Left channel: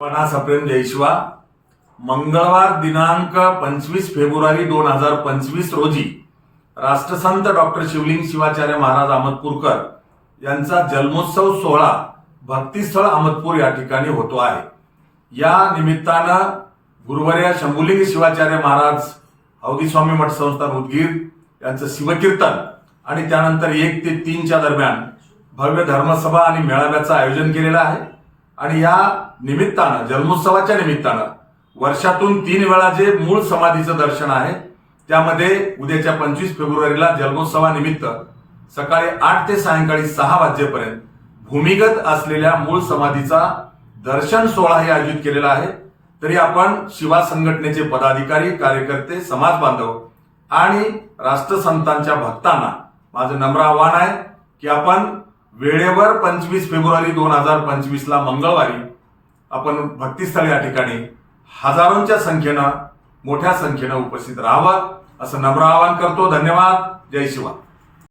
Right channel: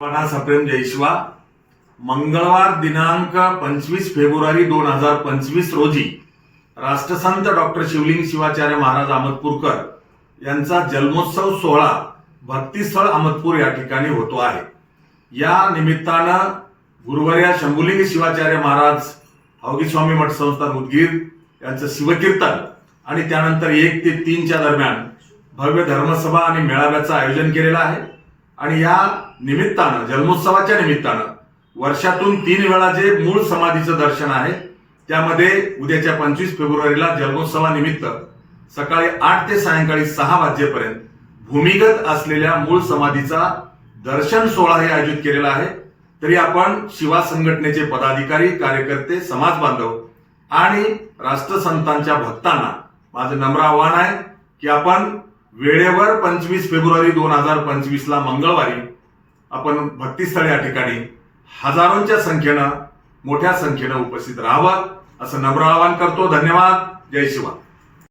पणा सप्रेम जयशिवा मंगळवार दिनांक पंचवीस फेब्रुवारी दोन हजार पंचवीस रोजी राष्ट्रसंत डॉक्टर शिवलिंग शिवाचार्य महाराज अहमदपूरकर यांचा जन्मोत्सव सोहळा भक्तिस्थळ अहमदपूर या ठिकाणी होतो आहे. या निमित्तानं गुरुवर्या शंभुलिंग शिवाचार्य महाराज अवधी स्वामी मठ संस्थान उदगीर यांचं शिवकीर्तन आणि त्यानंतर एक ते तीनच्या दरम्यान भव्य धर्मसभा आणि मेळाव्याचं आयोजन केलेलं आहे. आणि या निमित्तानं जन्मोत्सवाच्या निमित्तानं वर्षातून तीन वेळा जे मूळ समाधीचं दर्शन आहे त्यामध्ये उद्याच्या पंचवीस फेब्रुवारीला जन्मोत्सवानिमित्त सकाळी आठ ते सायंकाळी सहा वाजेपर्यंत भूमिगत असलेल्या मूळ समाधीचा दर्शन सोहळाही आयोजित केलेला आहे. तरी आपण शिवा संघटनेचे पदाधिकारी कार्यकर्ते समाज बांधव आणि राष्ट्रसंतांच्या भक्तांना माझं नम्र आव्हान आहे की आपण वेळेवर पंचवीस फेब्रुवारी दोन हजार पंचवीसला मंगळवारी आपण भक्तीस्थळ या ठिकाणी हजारोंच्या संख्येनं मोठ्या संख्येनं उपस्थित राहावं असं नम्र आवाहन करतो. धन्यवाद. जय शिवा